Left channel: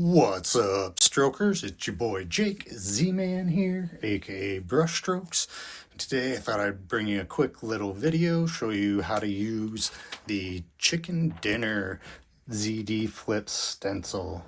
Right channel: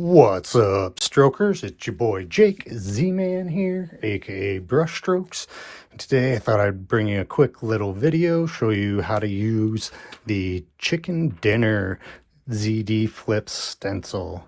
What's up, strokers? It's your boy Jake Z-Man here, aka BrusHstroKeZ. Today I thought I'd bring you a quick little video, show you how to use the chicken dinner ZD Flip stencil.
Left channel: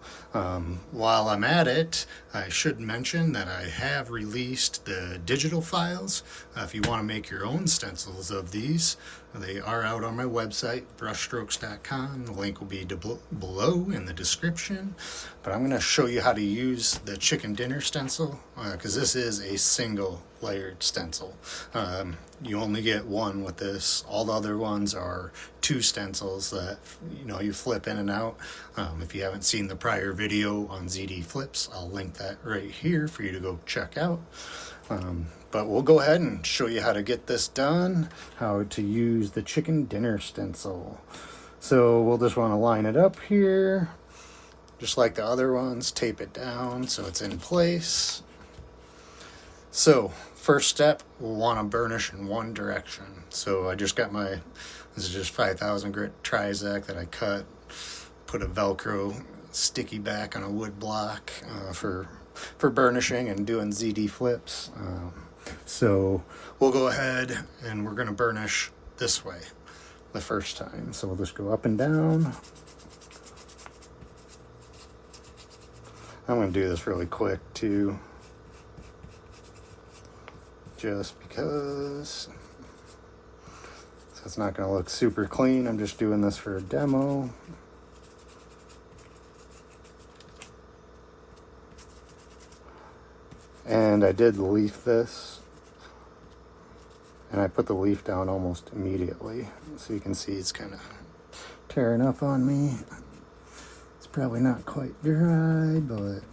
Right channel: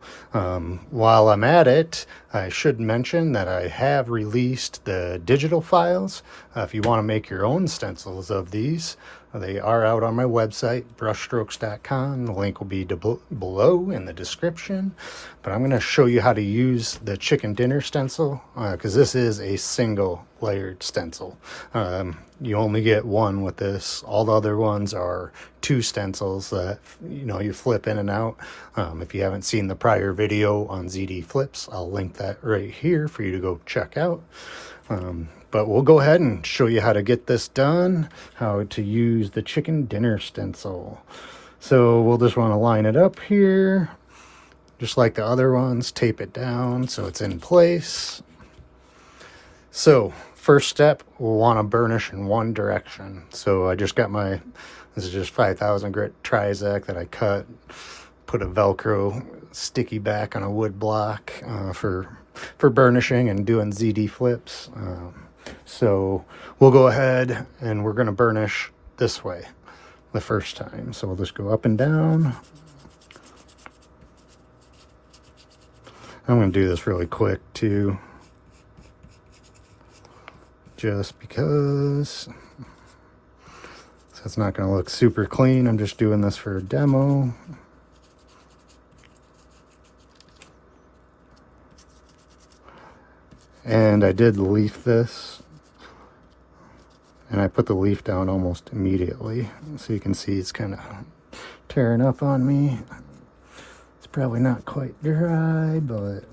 While I'm at it, I should mention that I have released the digital files. If you want to make your own stencils of these, they are out on my website, brusheZ.com. The link will be below in the description. But I'm going to show you how to use the chicken dinner stencil because this is a single layered stencil. You only get one with this. All the other ones are two stencils that you flip in and out. If you haven't seen the prior video on ZD Flips, I'll link that right here for you to go check out. But we'll go ahead and show you how to get this done, how to use the chicken dinner stencil. So we'll just want to line it up here, just like the other ones, tape it down so it's in place. So first step, we'll want to burnish in one direction. So I just got this is just 5000 grit Trizac that I cut, put a Velcro sticky back on a wood block for burnishing and doing ZD flips. So we'll go ahead and we're going to burnish this way the first time. So we'll just go up and down. I'm going to do this really quick too, just because it's not going to look super clean. I'm just doing this for a demo. And I did leaf this, and I put the leaf down almost immediately. So you can see it's kind of tearing up on me. It's probably not quite dry, but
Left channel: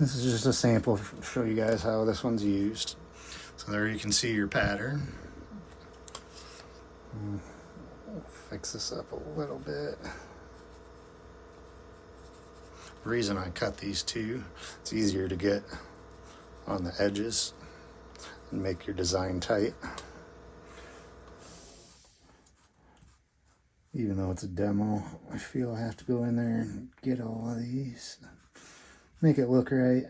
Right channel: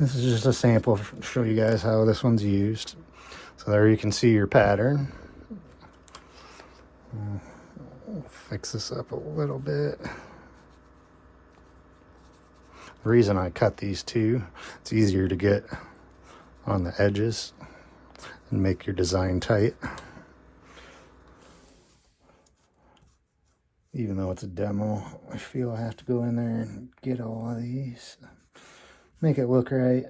this is just a sample to show you guys how this one's used. So there you can see your pattern. Fix this up a little bit. The reason I cut these two, it's easier to get on the edges and make your design tight. Even though it's a demo, I feel I have to go in there and get all of these, make it look right.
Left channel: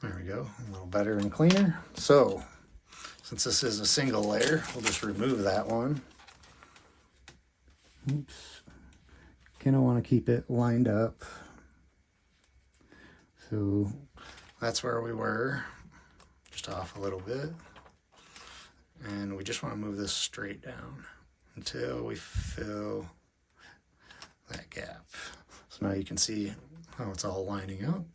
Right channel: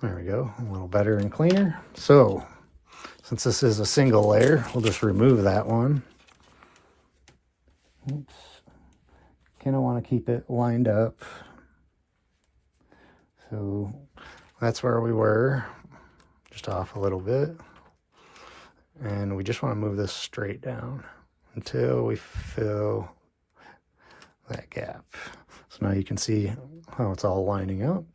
There we go, a little better and cleaner. So, since this is a single layer, we'll just remove that one. Oops. Kind of want to keep it lined up. So that's where we were, just off a little bit. And we just want to move this straight down until we fill that gap. So now you can see how it's all lining up.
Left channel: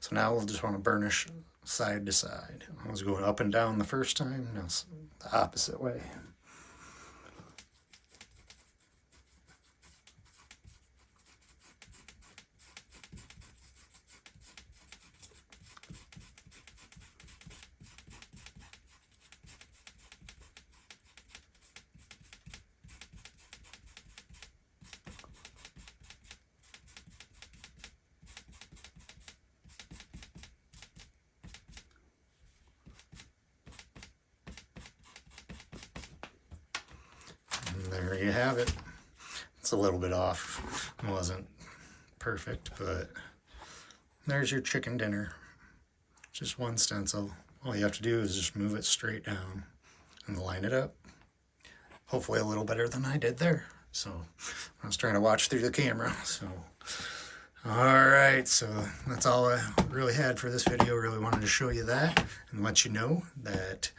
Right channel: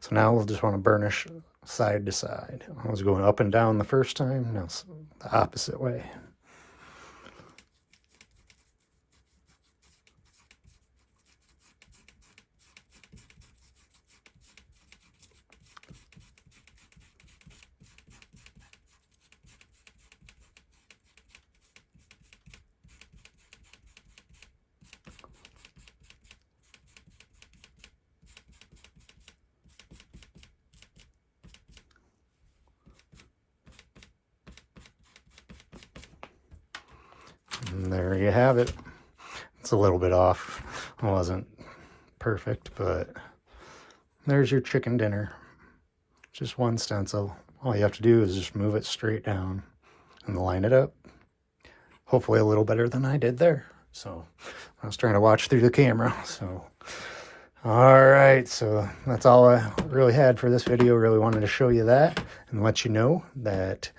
So now we'll just want to burnish side to side. I was going up and down the first time, now it's the opposite way. And there you have it. It's a little bit off. It wasn't perfect, but there's your chicken dinner. Just one stencil. All you have to do is just move it straight down and line it up. Hopefully a little better than I did there. So I was trying to watch through the camera. So all right, so that's all I really had for this video. Really wanted to show you that and let you know that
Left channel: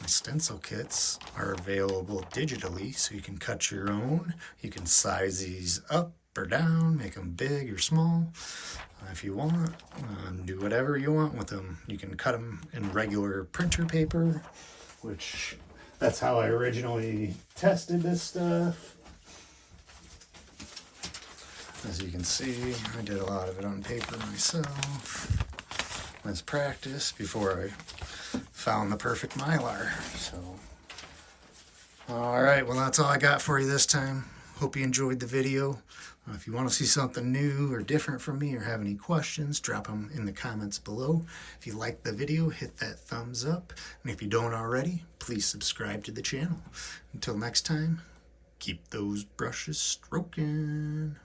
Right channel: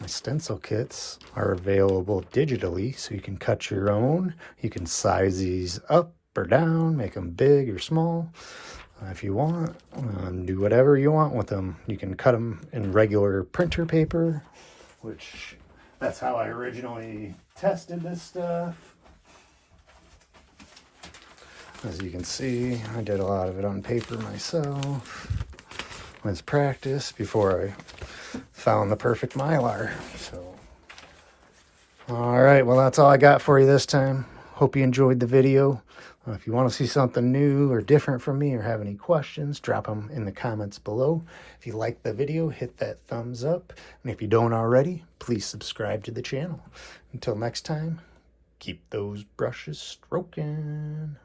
the stencil kits are available digitally, so you can cut your own. You can size these up or down, make them big or small if you want, and do whatever you want with them. You can cut them in regular printer paper, which that's how I originally tested this stuff. As you can see, I did a lot of it on paper myself with practice before I found the perfect Mylar. So, all right, well, that's all I got for you this time. Hope you enjoyed the video. If you want to see something new or different from me or have any questions, drop them in the comments below. If you like the video, hit that thumbs up. And if you don't already, please subscribe to the channel. Until next time, keep those brushes stroking.